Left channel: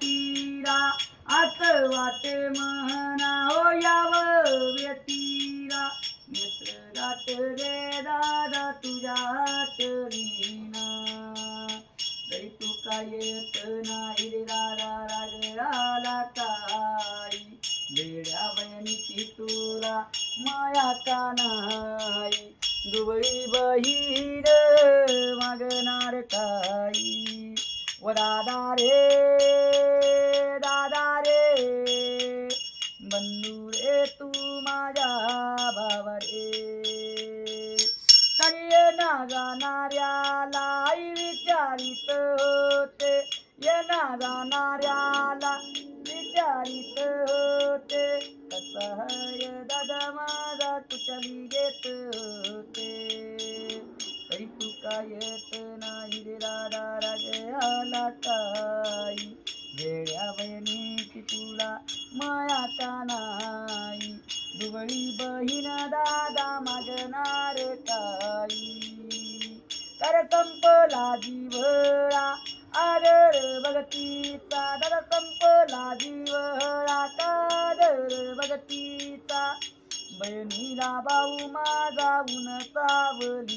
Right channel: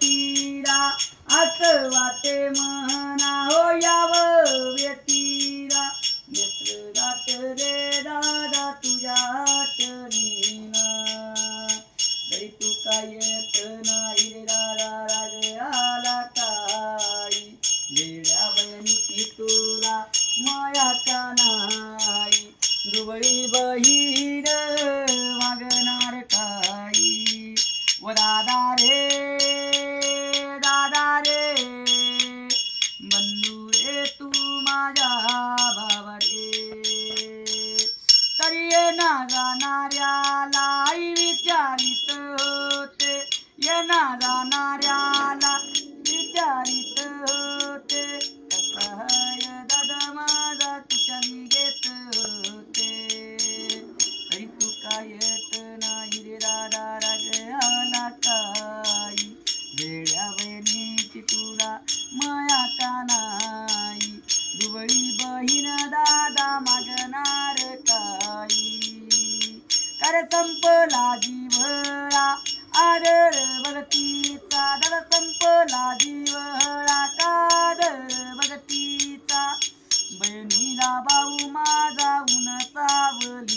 तीरा आस वाटे म्हणा हो याव व्यतीरा नेत्र जात रे दादा तुझ्या आठवणीना तरी तू काय येत नाही रे दादा राग आला काय वेड्या बहिणीची तुला माया का नाही दुबळी बहीण मागणार काही व दादा रे बंधू रे तू माझ्या भावा रे तरी येना जाणाऱ्याला आई विचारित होते येना जाणाऱ्याला विचारित होते कसय दादा माझा तुझ्या घेत होते तरी तू काय येत नाही रे दादा राग आला काही वेड्या बहिणीची तुला माया का नाही दुबळी बहीण दादा मागणार काही कर संपला जीवळा आदर भगतीचा दादा संपला जीवळा कादर भगतीचा बहिणीला भाऊ माझा उन सावली